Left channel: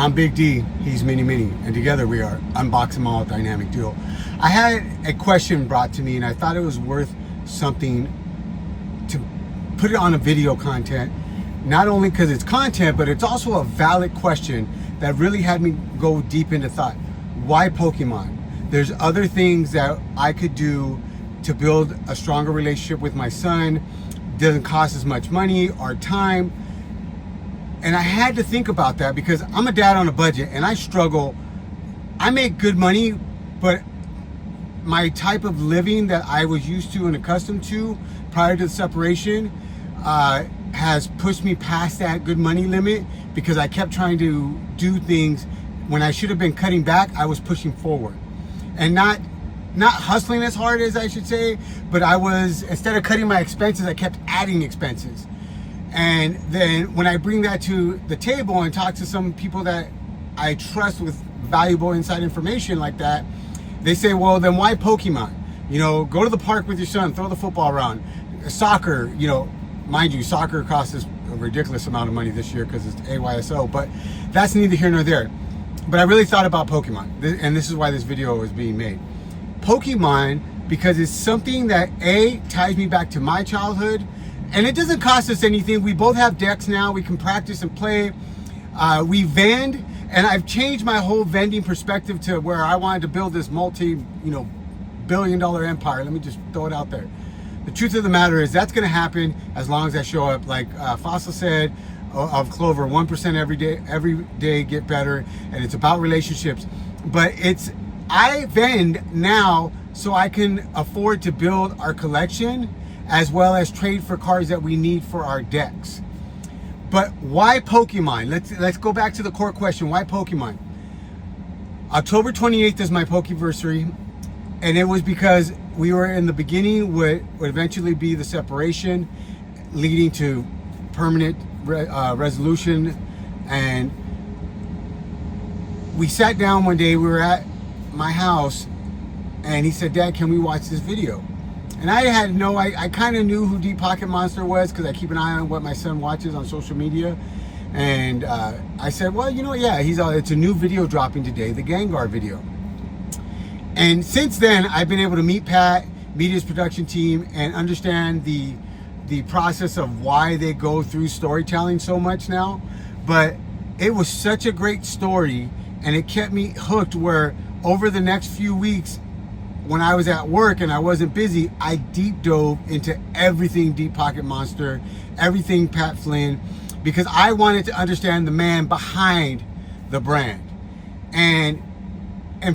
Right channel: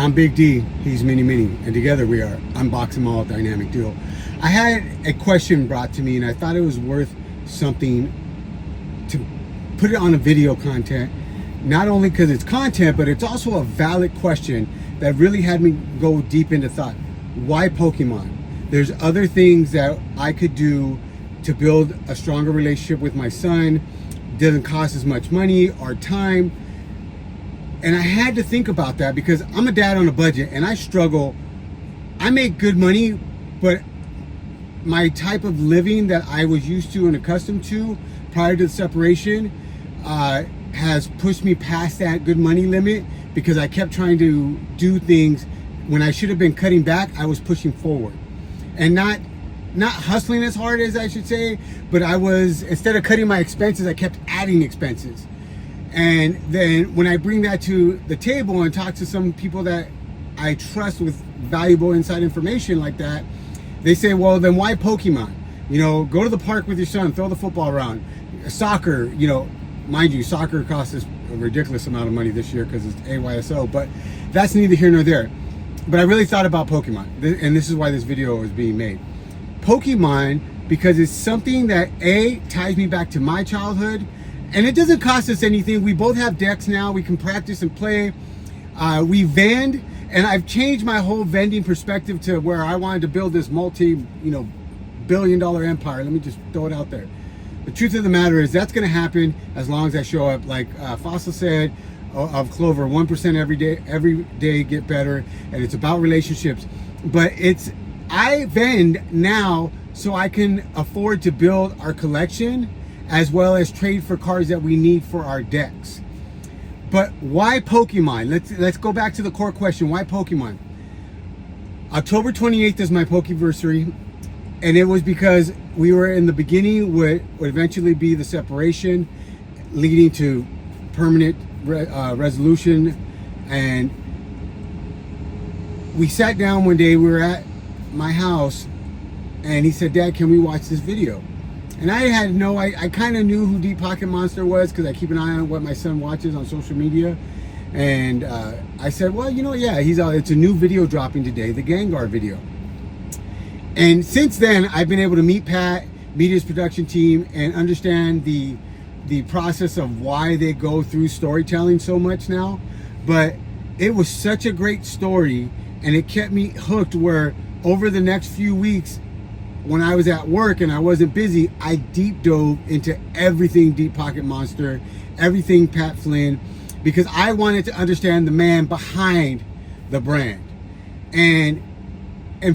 I'm Big D, he's Mini Mini, and together we are Unbox Them All Dynamic Duo. I had a question brought to me and I thought it was worth something to put it on a video content, not only because it's content, but it's also a valid question that really had me go deep into thought. Why Pokemon? There's other things that I could do to build a stronger relationship with my son. Doesn't cost as much money or time. And I had to think about that because I'm a dad on a budget and I struggle. I make good money, but my type of living that I was used to and accustomed to prior to the separation has pushed me past that good money limit because I kept trying to do things when I should have been cutting back. I was pushing forward and not hustling as hard as I should say, but I was, instead of cutting my expenses, I kept adding expenses. And then when I bring that to the table and talk to some people that I trust with valuable inside information like that, they say, well, then why Pokemon? You know, go to the park with your son, throw the football around. Soccer, you know, mind you, soccer costs us a ridiculous amount of money this year because it's AYSO, but that's neither here nor there. But I really thought about Pokemon, and this is why this video is being made. Pokemon, because it's something that ties me back to my childhood, and it doesn't cost us anything. We both have decks now. We can practice and play. We vend, and I've changed my whole vending perspective to where I wanted to build this multi-billion-dollar empire. Let me just throw it out there. The truth of the matter is that's going to happen as long as I show up. Like Fossil said of Clover, 1% every day get better, and it's about relationships. But I vend now so I can afford to build our collection as well as trade for cards that we need for our decks. But why Pokemon? Let's go back to the core question. Why Pokemon? October 28th is my Pokeversary, and it was because we were in the beginning would eventually be the separation, leading to permanent resolution. And we sat down one day, we were at my house, and he said, Dad, can we watch this video? And I had I kind of knew who Deep Pocket Monster was because I keep an eye on what my son watches on social media. And I said, well, you know, yeah, it's a new video dropping today, the Gengar video. And since then, I've been able to meet Pat, meet his production team, and understand the process of why they go through storytelling so much now. But it was such a great story, and it kept me hooked where over the next few weeks, when I was at work and I wasn't busy, I deep dove into everything Deep Pocket Monster, everything Pat Flynn, because I wanted to understand the man behind the brand. And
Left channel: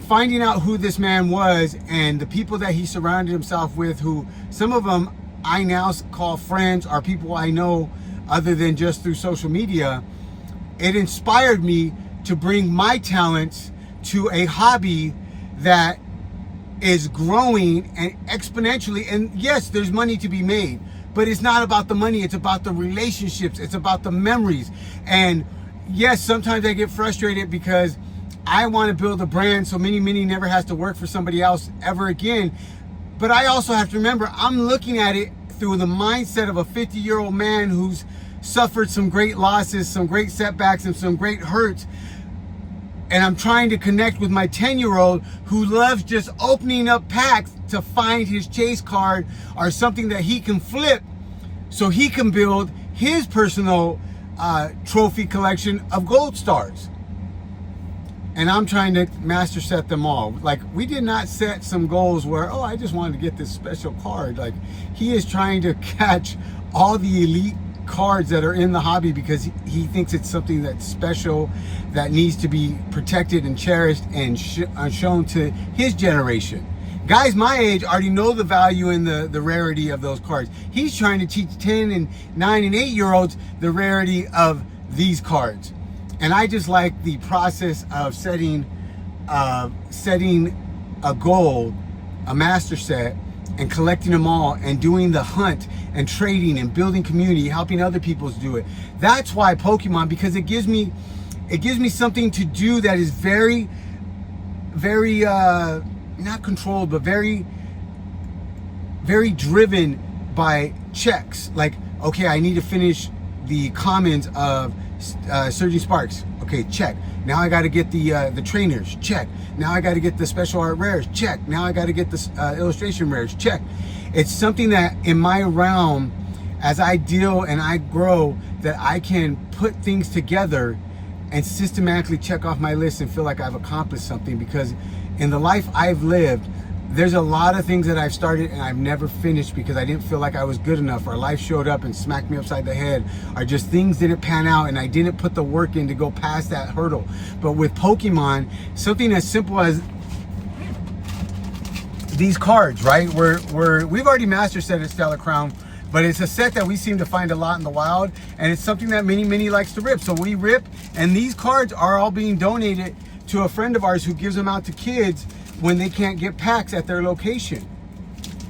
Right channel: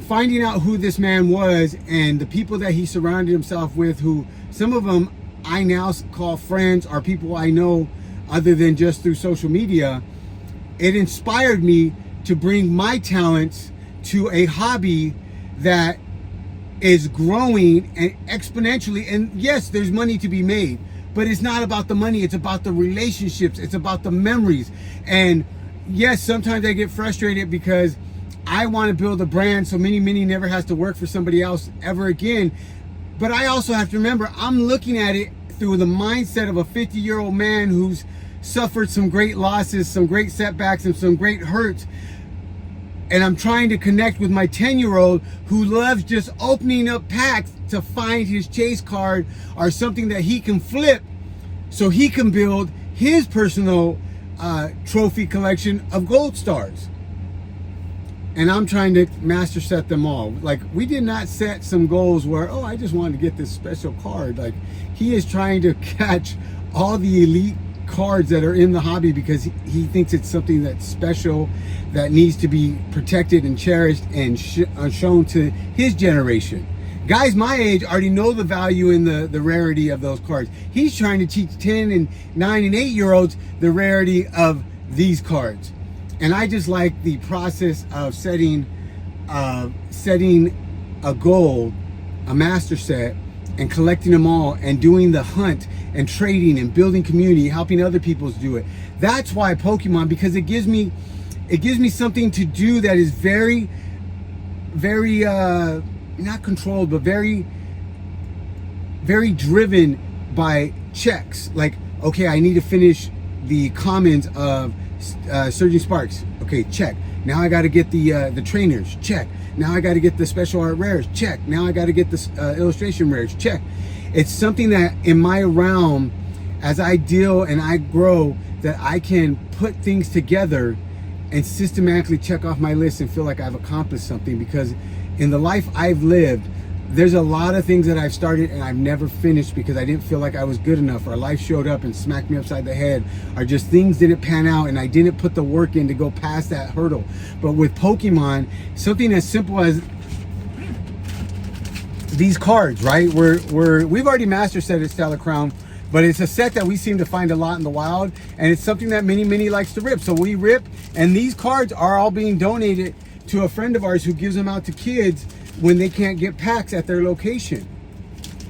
finding out who this man was and the people that he surrounded himself with, who some of them I now call friends or people I know other than just through social media, it inspired me to bring my talents to a hobby that is growing and exponentially. And yes, there's money to be made, but it's not about the money. It's about the relationships. It's about the memories. And yes, sometimes I get frustrated because I want to build a brand so Mini Mini never has to work for somebody else ever again. But I also have to remember, I'm looking at it through the mindset of a 50-year-old man who's suffered some great losses, some great setbacks, and some great hurts. And I'm trying to connect with my 10-year-old who loves just opening up packs to find his chase card or something that he can flip so he can build his personal trophy collection of gold stars. And I'm trying to master set them all. Like, we did not set some goals where, oh, I just wanted to get this special card. Like, he is trying to catch all the elite cards that are in the hobby because he thinks it's something that's special, that needs to be protected and cherished and shown to his generation. Guys my age already know the value and the rarity of those cards. He's trying to teach 10 and 9 and 8-year-olds the rarity of these cards. And I just like the process of setting a goal, a master set, and collecting them all and doing the hunt and trading and building community, helping other people do it. That's why Pokemon, because it gives me something to do that is very, very not controlled, but very, very driven by checks. Like, okay, I need to finish the commons of Surging Sparks. Okay, check. Now I got to get the trainers. Check. Now I got to get the special art rares. Check. Now I got to get the illustration rares. Check. It's something that in my realm, as I deal and I grow, that I can put things together and systematically check off my list and feel like I've accomplished something. Because in the life I've lived, there's a lot of things that I've started and I've never finished because I didn't feel like I was good enough, or life showed up and smacked me upside the head, or just things didn't pan out and I didn't put the work in to go past that hurdle. But with Pokemon, something as simple as these cards, right? We've already master set at Stellar Crown, but it's a set that we seem to find a lot in the wild, and it's something that Mini likes to rip. So we rip, and these cards are all being donated to a friend of ours who gives them out to kids when they can't get packs at their location.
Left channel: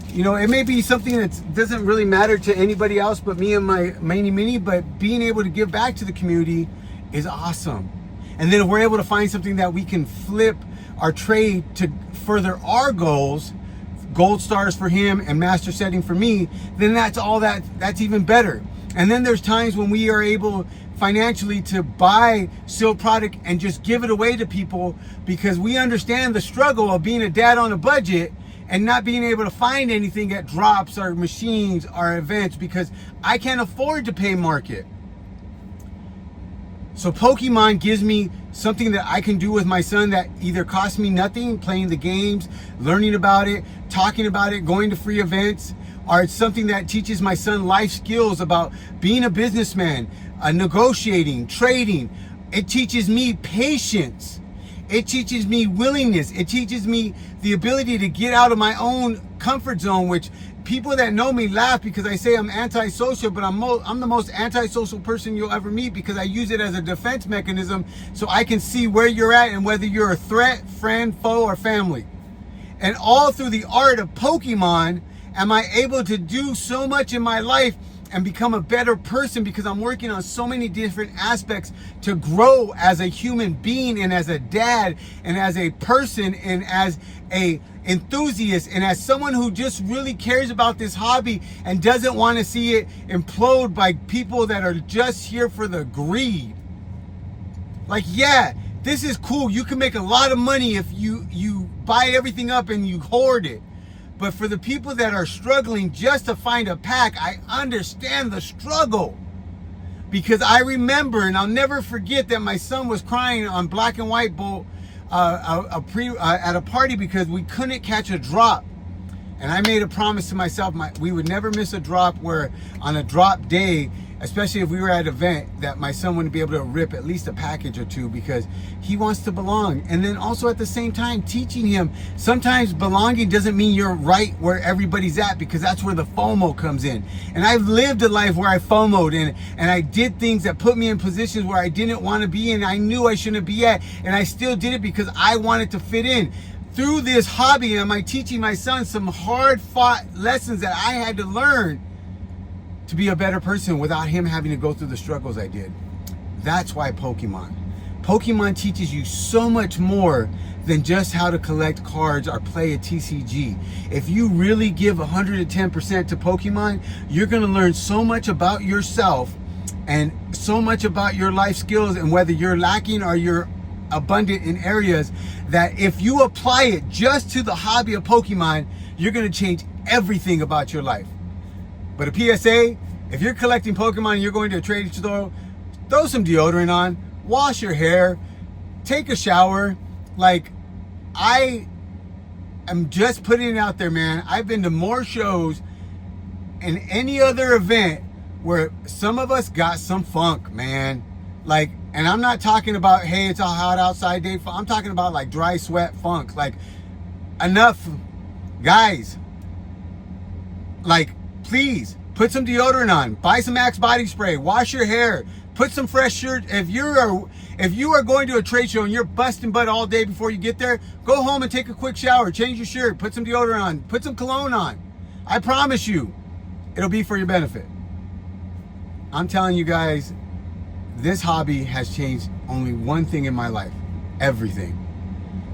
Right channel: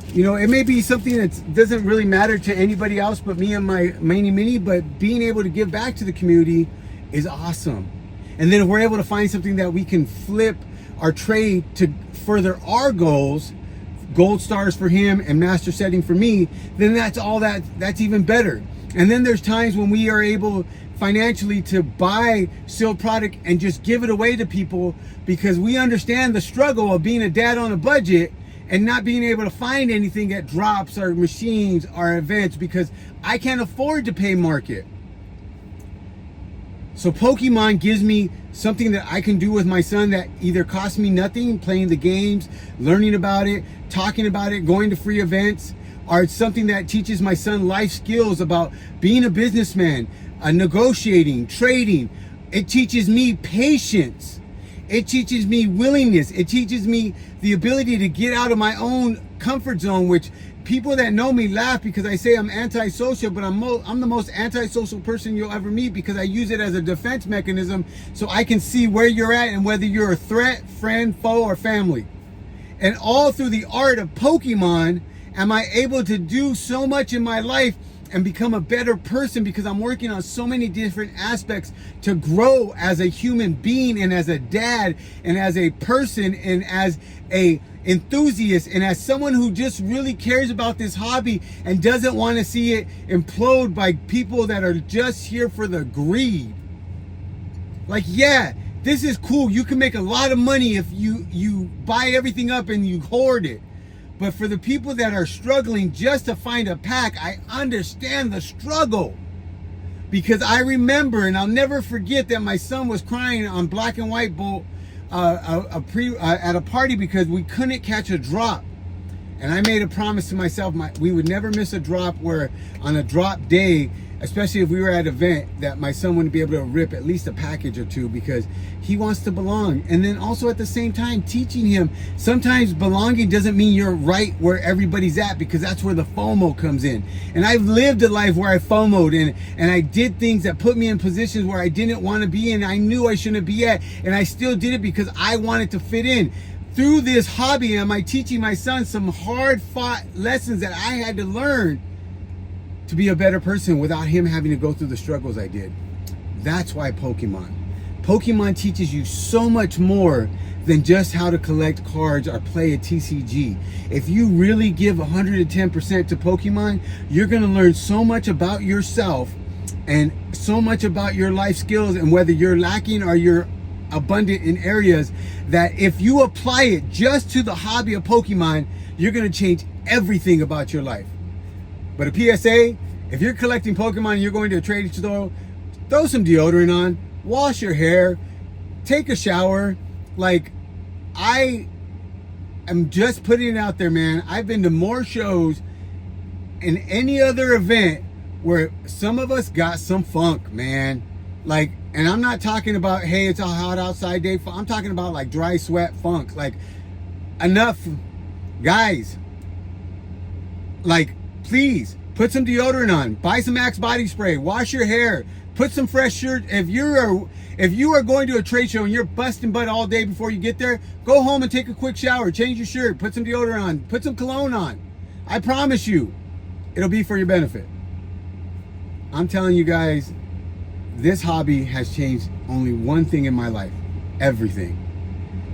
You know, it may be something that doesn't really matter to anybody else but me and my Mini, but being able to give back to the community is awesome. And then if we're able to find something that we can flip our trade to further our goals, gold stars for him and master setting for me, then that's even better. And then there's times when we are able financially to buy sealed product and just give it away to people, because we understand the struggle of being a dad on a budget and not being able to find anything at drops or machines or events because I can't afford to pay market. So Pokemon gives me something that I can do with my son that either costs me nothing, playing the games, learning about it, talking about it, going to free events, or it's something that teaches my son life skills about being a businessman, negotiating, trading. It teaches me patience. It teaches me willingness. It teaches me the ability to get out of my own comfort zone, which people that know me laugh because I say I'm antisocial, but I'm the most antisocial person you'll ever meet, because I use it as a defense mechanism so I can see where you're at and whether you're a threat, friend, foe, or family. And all through the art of Pokemon am I able to do so much in my life and become a better person, because I'm working on so many different aspects to grow as a human being and as a dad and as a person and as a enthusiast and as someone who just really cares about this hobby and doesn't want to see it implode by people that are just here for the greed. Like, yeah, this is cool. You can make a lot of money if you buy everything up and you hoard it. But for the people that are struggling just to find a pack, I understand the struggle. Because I remember, and I'll never forget, that my son was crying on Black and White Bolt at a party because we couldn't catch a drop. And I made a promise to myself we would never miss a drop, where on a drop day, especially if we were at an event, that my son wouldn't be able to rip at least a package or two, because he wants to belong. And then also at the same time teaching him sometimes belonging doesn't mean you're right where everybody's at, because that's where the FOMO comes in. And I've lived a life where I FOMO'd and I did things that put me in positions where I didn't want to be in, I knew I shouldn't be at, and I still did it because I wanted to fit in. Through this hobby, am I teaching my son some hard-fought lessons that I had to learn to be a better person without him having to go through the struggles I did. That's why Pokemon teaches you so much more than just how to collect cards or play a TCG. If you really give 110% to Pokemon, you're gonna learn so much about yourself and so much about your life skills, and whether you're lacking or you're abundant in areas, that if you apply it just to the hobby of Pokemon, you're gonna change everything about your life. But a PSA, if you're collecting Pokemon and you're going to a trading store, throw some deodorant on, wash your hair, take a shower. Like, I am just putting it out there, man. I've been to more shows and any other event where some of us got some funk, man. Like, and I'm not talking about, hey, it's a hot outside day. I'm talking about like dry sweat funk. Like, enough, guys. Like, please put some deodorant on, buy some Axe body spray, wash your hair, put some fresh shirt. If you are going to a trade show and you're busting butt all day before you get there, go home and take a quick shower, change your shirt, put some deodorant on, put some cologne on. I promise you, it'll be for your benefit. I'm telling you guys, this hobby has changed only one thing in my life: everything.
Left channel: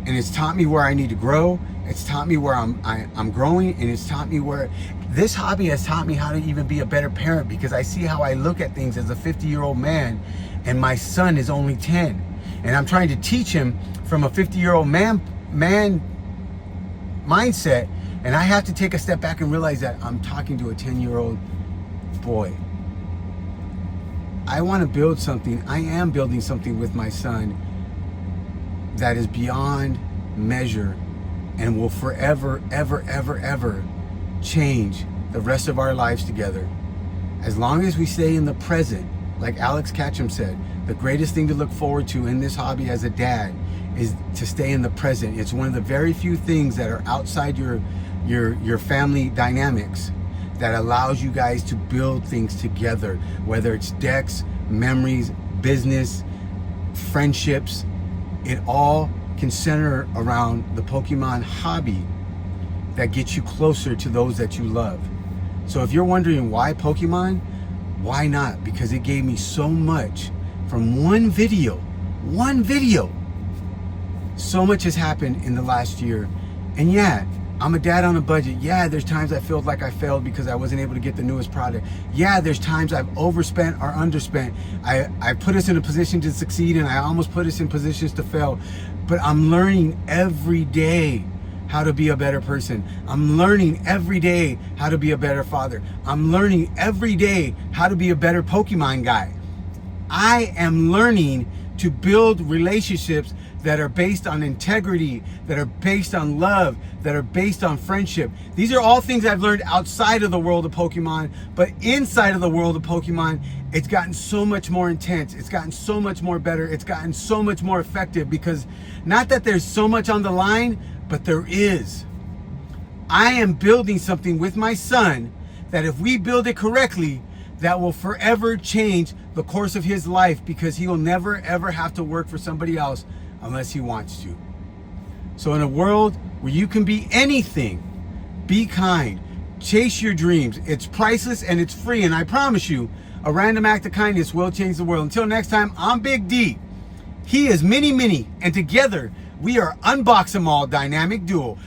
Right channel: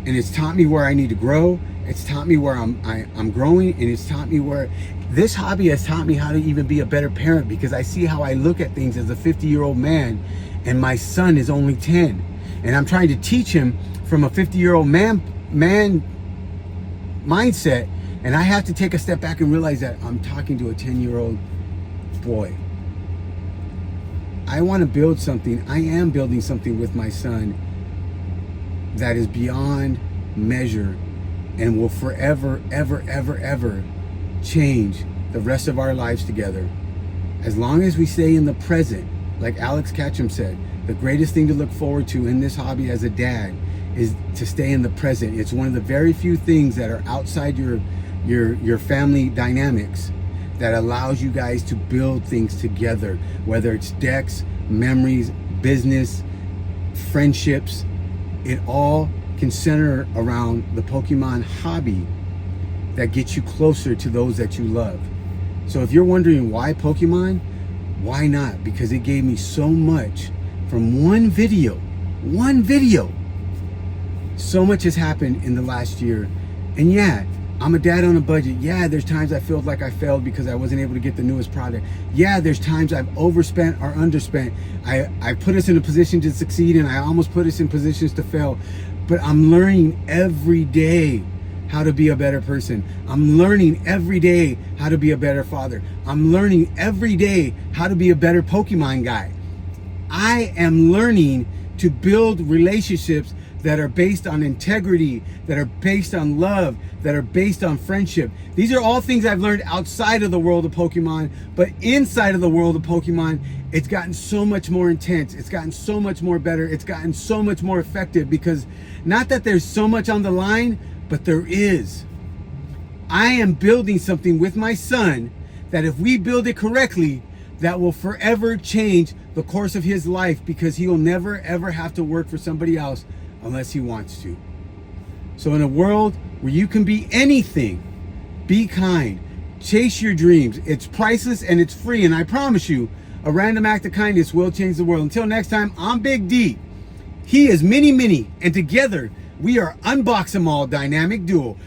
And it's taught me where I need to grow. It's taught me where I'm growing, and it's taught me where this hobby has taught me how to even be a better parent, because I see how I look at things as a 50-year-old man, and my son is only 10. And I'm trying to teach him from a 50-year-old man mindset, and I have to take a step back and realize that I'm talking to a 10-year-old boy. I want to build something. I am building something with my son that is beyond measure and will forever, ever, ever, ever change the rest of our lives together. As long as we stay in the present, like Alex Ketchum said, the greatest thing to look forward to in this hobby as a dad is to stay in the present. It's one of the very few things that are outside your family dynamics that allows you guys to build things together, whether it's decks, memories, business, friendships. It all can center around the Pokemon hobby that gets you closer to those that you love. So if you're wondering why Pokemon, why not? Because it gave me so much from one video. So much has happened in the last year. And yeah, I'm a dad on a budget. Yeah, there's times I feel like I failed because I wasn't able to get the newest product. Yeah, there's times I've overspent or underspent. I put us in a position to succeed, and I almost put us in positions to fail. But I'm learning every day how to be a better person. I'm learning every day how to be a better father. I'm learning every day how to be a better Pokemon guy. I am learning to build relationships that are based on integrity, that are based on love, that are based on friendship. These are all things I've learned outside of the world of Pokemon, but inside of the world of Pokemon, it's gotten so much more intense. It's gotten so much more better. It's gotten so much more effective, because not that there's so much on the line, but there is. I am building something with my son that if we build it correctly, that will forever change the course of his life, because he will never ever have to work for somebody else unless he wants to. So in a world where you can be anything, be kind, chase your dreams. It's priceless and it's free, and I promise you, a random act of kindness will change the world. Until next time, I'm Big D. He is Mini, and together we are Unbox Them All Dynamic Duo.